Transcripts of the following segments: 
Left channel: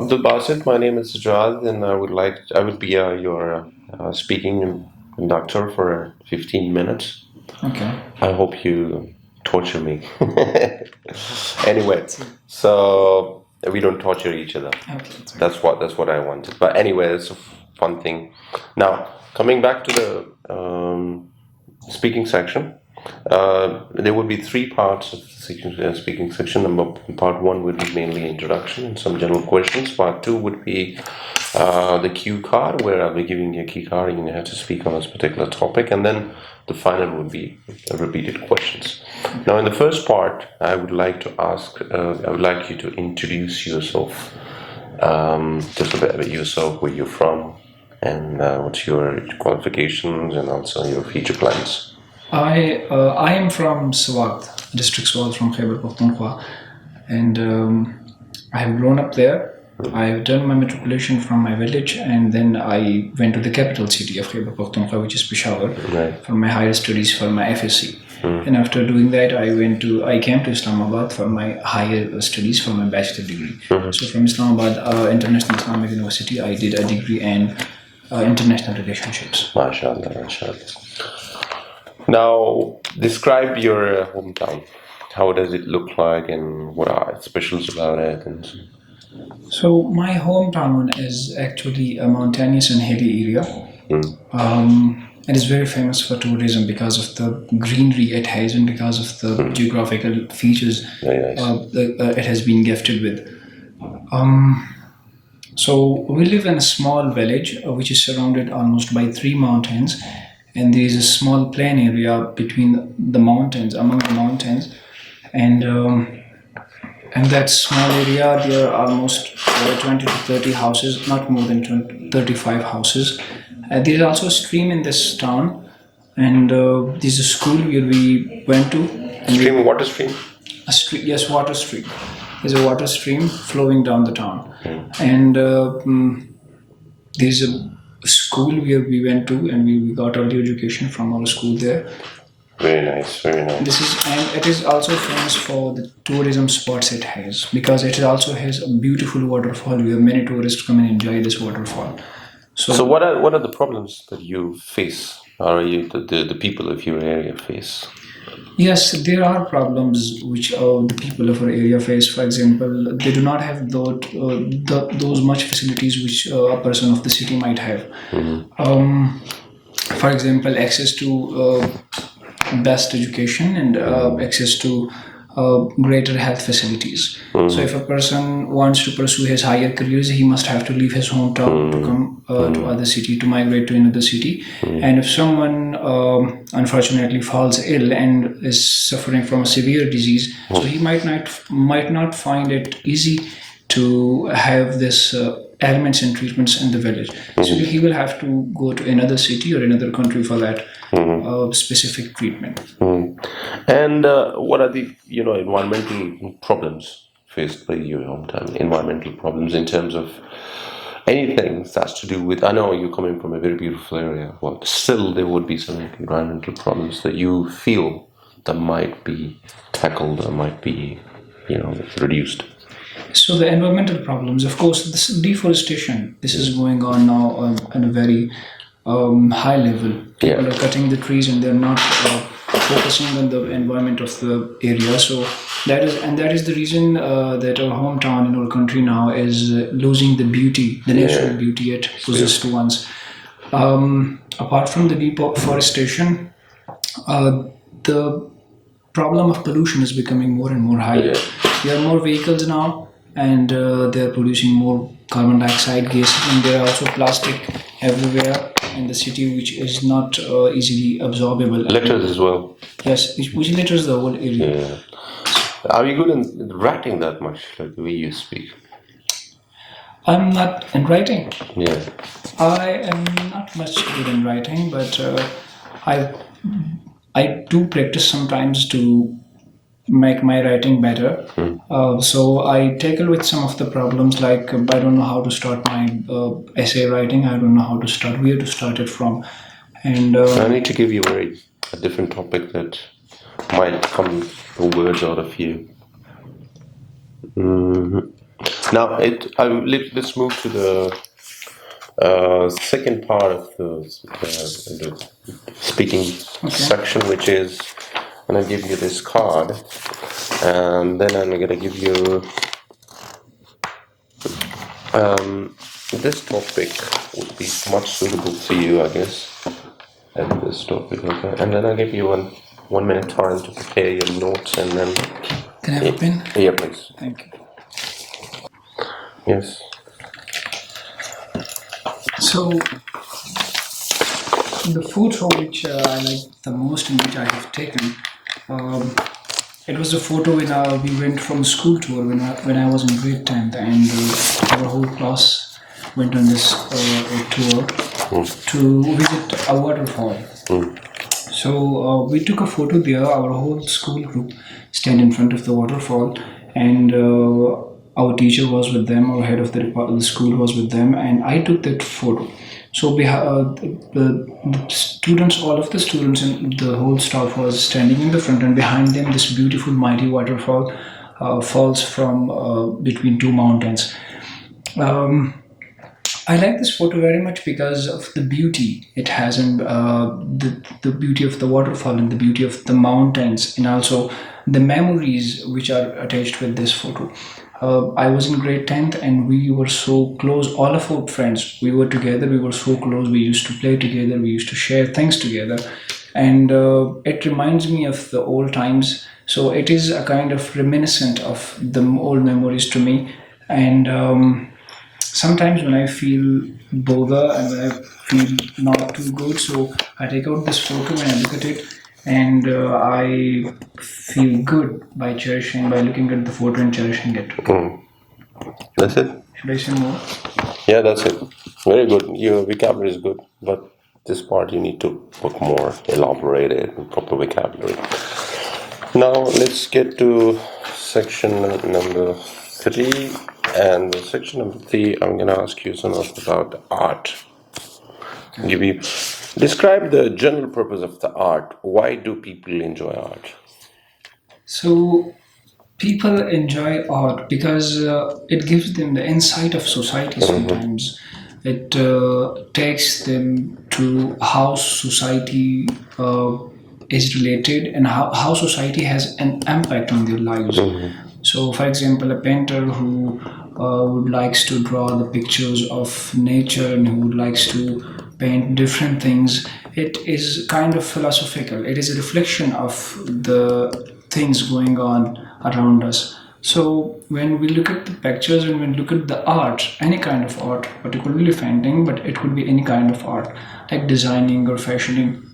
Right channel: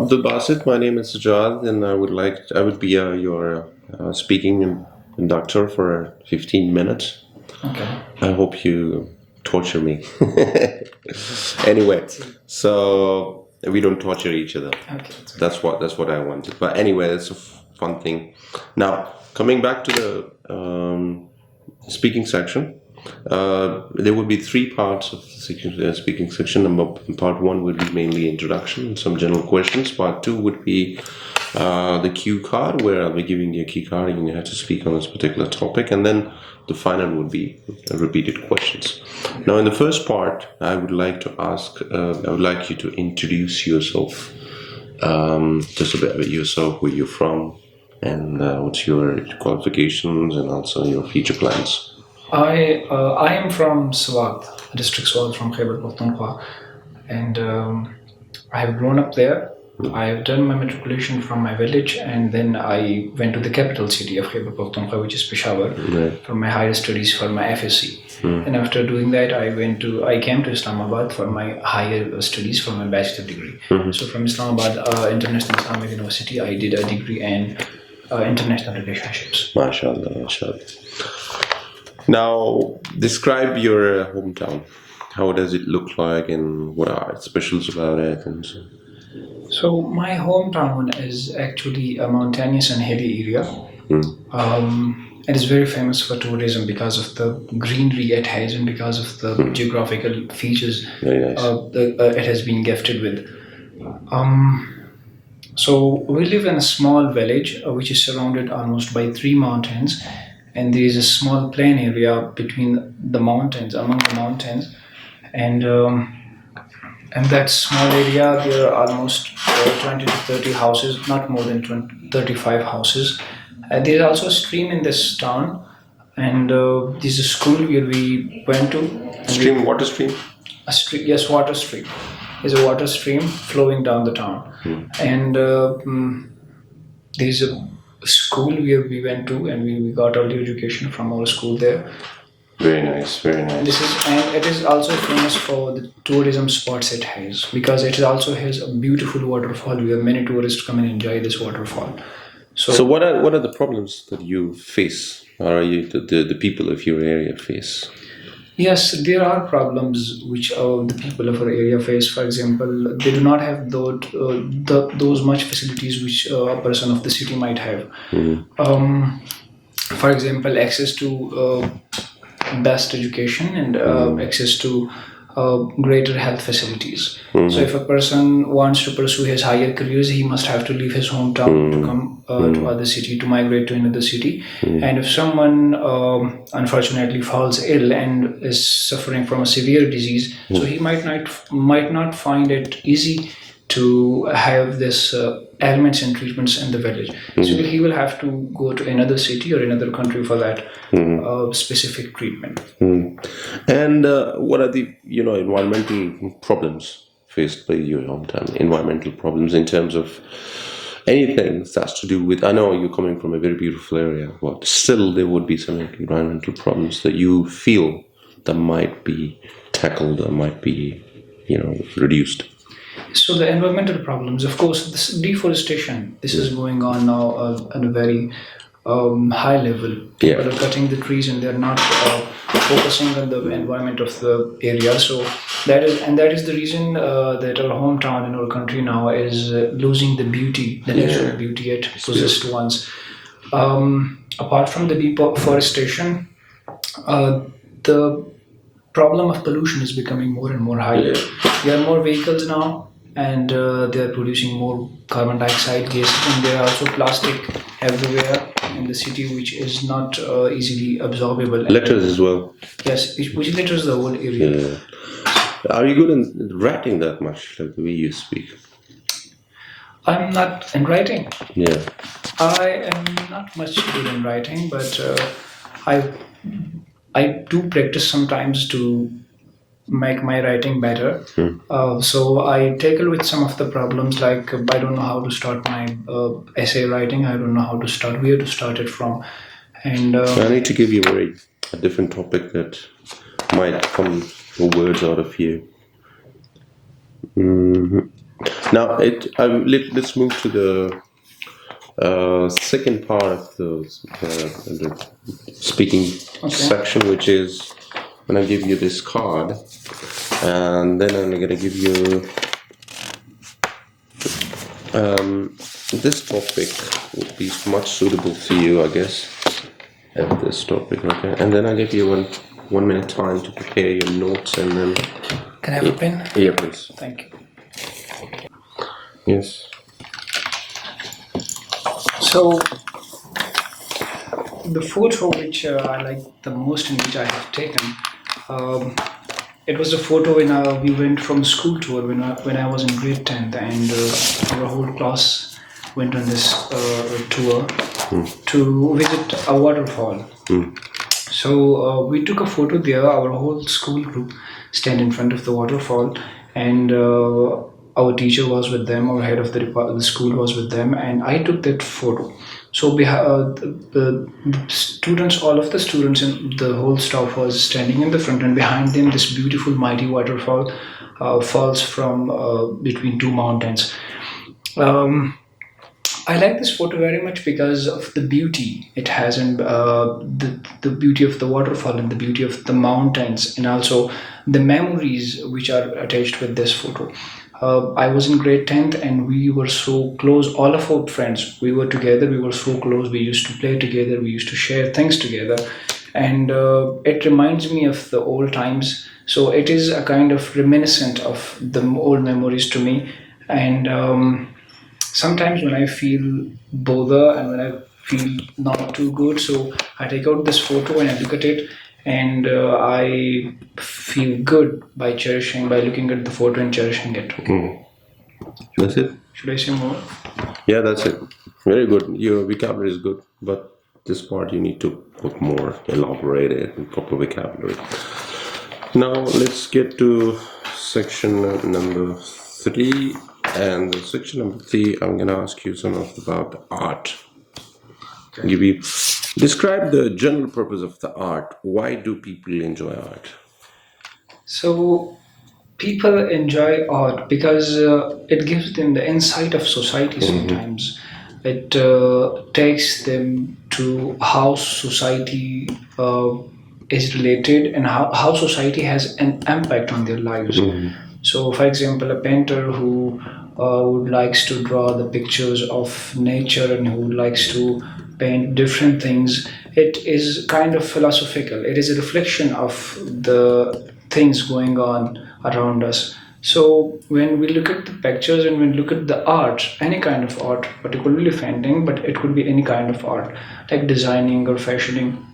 Abdul Basit, my name is Sajjad, and I would be your speaking conductor for 15 minutes. Okay. I hope you torture me. Anyway, so we don't torture each other. Okay. That's what I wanted. But anyway, it's a fun thing. Now, coming back to the speaking section, there would be three parts of the speaking section. Part one would be mainly introduction and some general questions. Part two would be the cue card, where I'll be giving you a key card and you have to speak on this particular topic. And then the final would be repeated questions. Now, in the first part, I would like you to introduce yourself. Just a bit about yourself, where you're from, and what's your qualifications, and also your future plans. I am from Swat, district Swat, from Khyber Pakhtunkhwa, and I have grown up there. I have done my matriculation from my village, and then I went to the capital city of Khyber Pakhtunkhwa, which is Peshawar, for my higher studies for my FSc. And after doing that, I came to Islamabad for my higher studies for my bachelor degree. So from Islamabad International Islamic University, I did a degree in international relationships. MashaAllah, MashaAllah. Now, describe your hometown. How does it look like, and what are its specials about it? So my hometown is actually a mountainous and hilly area. It is very famous for tourism because of the greenery it has and because of the geographical features it has been gifted with. So we live in a small village which is surrounded almost by 3 mountains, and there is a small plain area between the mountains, among the mountains, and that small area there are almost 20 to 30 houses, not more than 35 houses. There is also a stream in this town, and this is a school where we went to. Stream, water stream? A stream, yes, water stream. There's a water stream flowing down the town, and there's a school where we went to, and we got early education from our school there. Very nice, very nice. And it is also famous for the tourism spots it has, because it also has a beautiful waterfall where many tourists come and enjoy this waterfall. So what are the problems that you face, or the people of your area face? Yes, there are problems which the people of our area face. For example, they do not have those much facilities which a person of the city might have. For example, access to best education and access to greater health facilities. So if a person wants to pursue his higher careers, he must have to leave his hometown to come to other city, to migrate to another city. And if someone unfortunately falls ill and is suffering from a severe disease, so he might not find it easy to have this ailments and treatments in the village. So he will have to go to another city or another country for that specific treatment. And what are the environmental problems faced by your hometown? Environmental problems in terms of anything that's to do with, I know you're coming from a very beautiful area, but still there would be some environmental problems that you feel that might be tackled or might be reduced. So the environmental problems, of course, this deforestation, this is going on now at a very high level. People are cutting the trees and they're not focusing on the environment of the area. So that is the reason that our hometown in our country now is losing the beauty, the natural beauty it possessed once. Apart from the deforestation, the problem of pollution is becoming more and more high. There are more vehicles now, and they are producing more carbon dioxide gases, and there are also plastic everywhere in the city, which is not easily absorbable. Letters as well. Yes, which litters the whole area. Are you good in writing that much, like the way you speak? I'm not in writing. Yeah. I am not much good in writing, but I do practice sometimes to make my writing better. So I tackle with some of the problems, like I don't know how to start my essay writing. I don't know how to start, where to start it from. And I need to give you a different topic that might come words out of you. Now, let's move to the second part of the speaking section, which is I'm going to give you this card, and then I'm going to give you this topic would be much suitable for you, I guess. At this topic, okay, and then I'll give you 1 minute time to prepare your notes, and then. Can I have a pen? Yeah, please. Thank you. Yes. So, the photo which I like the most and which I have taken, it was a photo when we went from school tour when I was in grade 10th, and our whole class went on this tour to visit a waterfall. So we took a photo there, our whole school group stand in front of the waterfall, and our teacher was with them, our head of the school was with them, and I took that photo. So we have the students, all of the students and the whole staff was standing in the front, and behind them this beautiful mighty waterfall falls from between two mountains. I like this photo very much because of the beauty it has, and the beauty of the waterfall and the beauty of the mountains, and also the memories which are attached with this photo. I was in grade 10th, and we were so close, all of our friends. We were together, we were so close, we used to play together, we used to share things together. And it reminds me of the old times. So it is a kind of reminiscent of the old memories to me. And sometimes when I feel bother and when I feel not too good, so I take out this photo and I look at it, and I feel good by looking at the photo and cherishing it. That's it? Should I say more? Yeah, that's it. Very good. Your vocabulary is good, but this part you need to put more elaborated and proper vocabulary. Now let's get to section number 3. And section number 3, I'm going to ask you some about art. Describe the general purpose of the art. Why do people enjoy art? So people enjoy art because it gives them the insight of society sometimes. It takes them to how society is related and how society has an impact on their lives. So, for example, a painter who would likes to draw the pictures of nature and who likes to paint different things, it is kind of philosophical. It is a reflection of the things going on around us. So when we look at the pictures and when we look at the art, any kind of art, particularly painting, but it could be any kind of art, like designing or fashioning.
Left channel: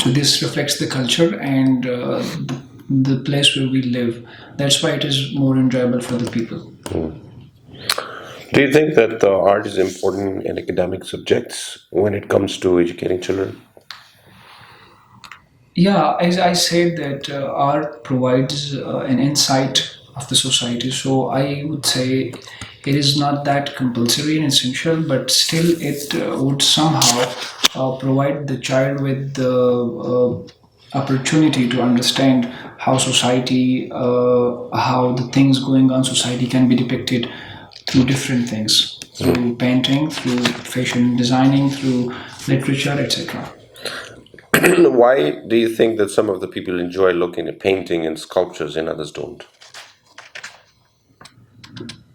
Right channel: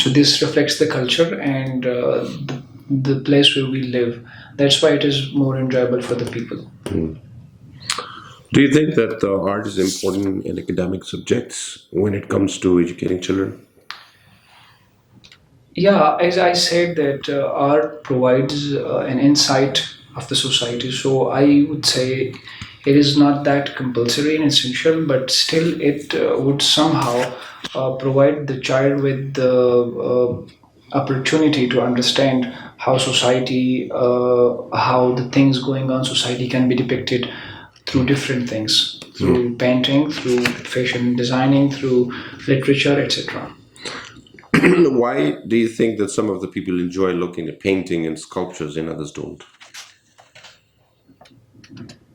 So this reflects the culture and the place where we live. That's why it is more enjoyable for the people. Do you think that art is important in academic subjects when it comes to educating children? Yeah, as I said that art provides an insight of the society. So I would say it is not that compulsory and essential, but still it would somehow provide the child with the opportunity to understand how society, how the things going on society can be depicted through different things, through painting, through fashion designing, through literature, etc. Why do you think that some of the people enjoy looking at painting and sculptures and others don't?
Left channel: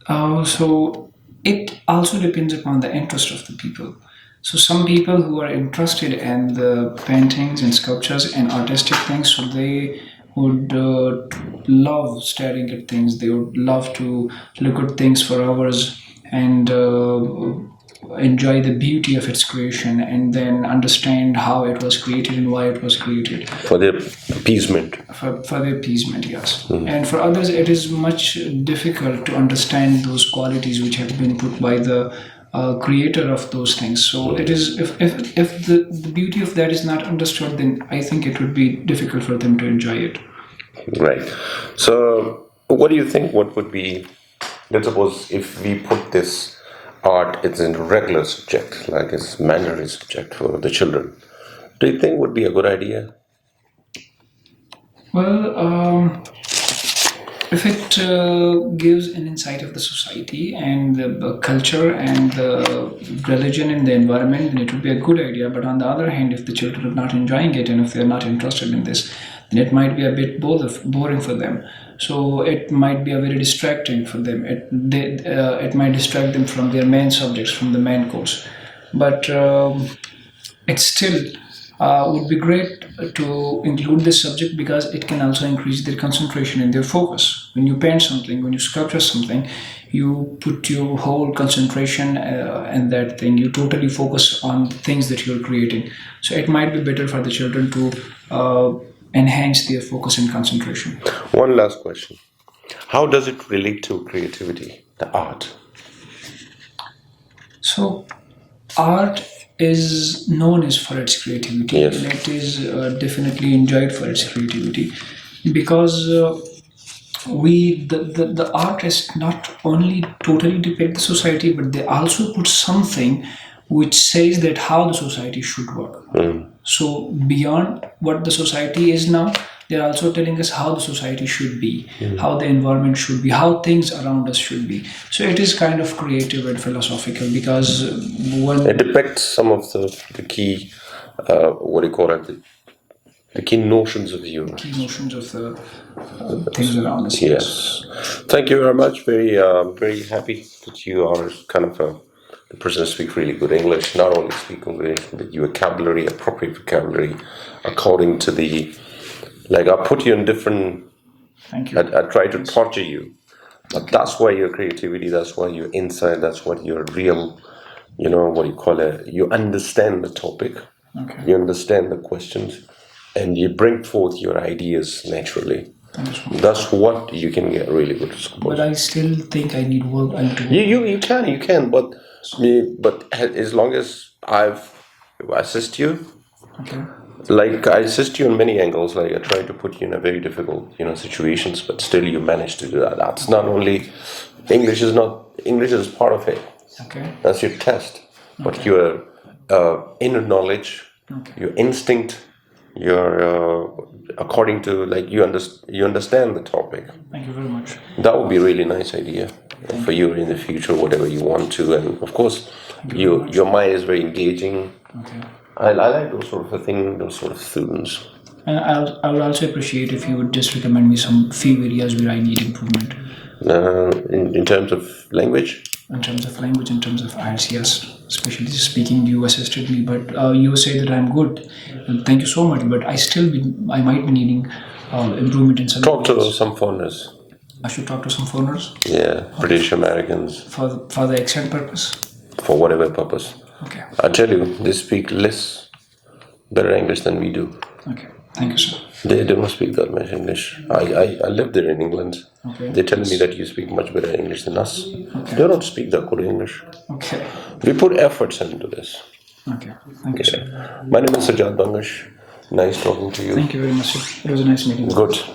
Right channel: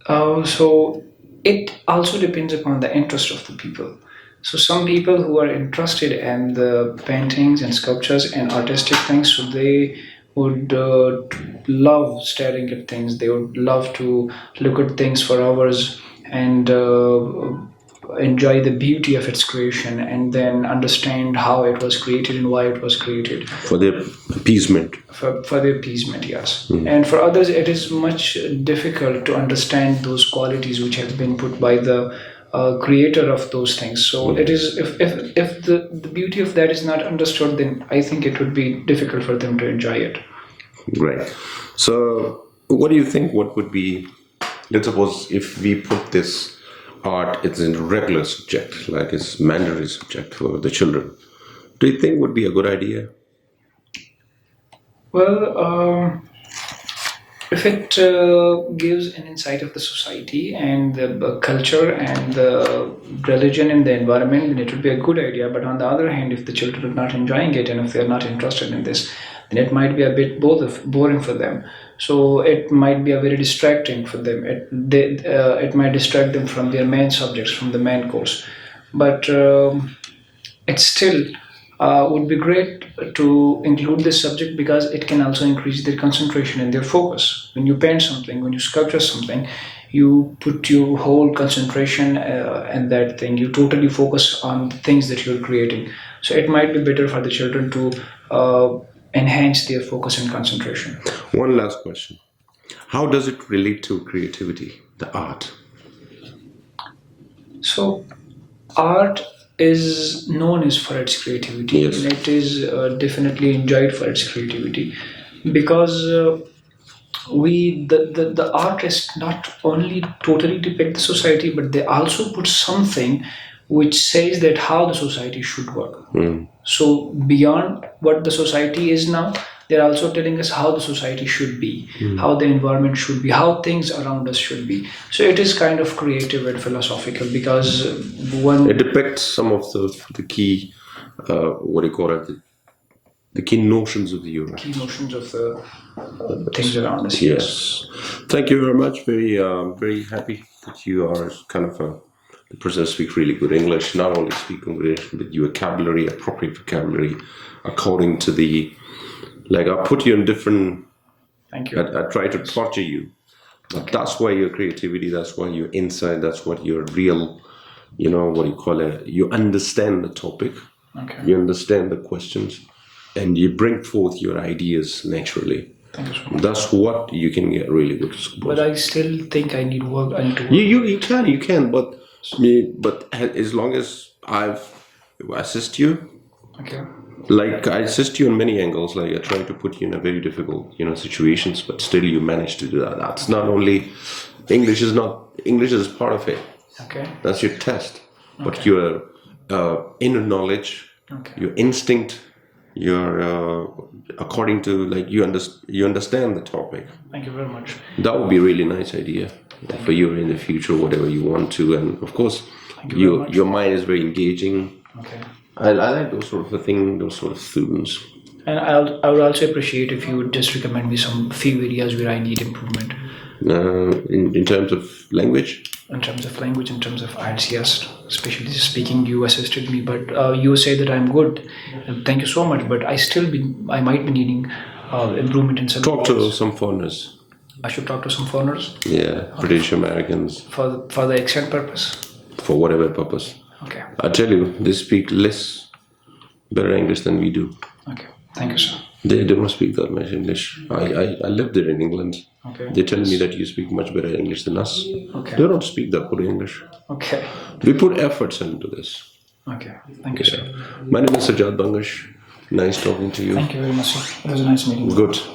So it also depends upon the interest of the people. So some people who are interested in the paintings and sculptures and artistic things, so they would love staring at things. They would love to look at things for hours and enjoy the beauty of its creation and then understand how it was created and why it was created. For their appeasement. For the appeasement, yes. And for others, it is much difficult to understand those qualities which have been put by the creator of those things. So it is if the beauty of that is not understood, then I think it would be difficult for them to enjoy it. Right. So what do you think? What would be? Let's suppose if we put this art, it's a regular subject, like it's mandatory subject for the children. Do you think would be a good idea? Well, If it gives an insight of the society and the culture and the religion and the environment, then it would be a good idea. But on the other hand, if the children are not enjoying it and if they're not interested in this, then it might be a bit boring for them. So it might be a very distracting for them. It might distract them from their main subjects, from the main course. But it still would be great to include this subject because it can also increase their concentration and their focus. When you paint something, when you sculpture something, you put your whole concentration and that thing. You totally focus on things that you're creating. So it might be better for the children to enhance their focus and concentration. One last question. How does it relate to creativity, the art? So art is known as for its creativity, Yes. and it is definitely enjoyed for its creativity because the artists not only totally depict the society, but they also put something which says that how the society should work. So beyond what the society is now, they're also telling us how the society should be, how the environment should be, how things around us should be. So it is kind of creative and philosophical because It depicts some of the key, what do you call it, the key notions of the universe. notions of the things around us. Yes. Thank you very much. Very happy that you are kind of the person who speaks really good English. Not only speak English, but your vocabulary, appropriate vocabulary, according to the, like I put you in different, Thank you. I try to torture you. But that's why your creativity, that's why your insight, that's what your real, what do you call it? You understand the topic, Okay. you understand the questions, and you bring forth your ideas naturally. Thanks. That's what you can get really good scores. But I still think I need work. I need to work. You can, but as long as I assist you, Okay. like I assist you in many angles, like I try to put you in a very difficult, situations, but still you manage to do that. That's not only English is part of it. Okay. That's your test, but your inner knowledge, Okay. your instinct, your according to like you understand the topic. Thank you very much. That would be a really nice idea for you in the future, whatever you want to, and of course, your mind is very engaging. Okay. I like those sort of things, those sort of students. And I would also appreciate if you would just recommend me some few areas where I need improvement. In terms of language. In terms of language, in terms of IELTS, yes, especially speaking, you assisted me, but you say that I'm good, and thank you so much. But I might be needing improvement in some. Talk to areas. some foreigners. I should talk to some foreigners Yeah, British Americans, for the accent purpose. for whatever purpose. Okay. I tell you, they speak less better English than we do. Okay. Thank you, sir. They don't speak that much English. I lived there in England. Okay. They tell me that you speak much better English than us. Okay. They don't speak that good English. Okay. We put efforts into this. Okay. Thank you, sir. My name is Sajjad Bangash. Nice talking to you. Thank you very much, sir. It was a nice meeting. Good.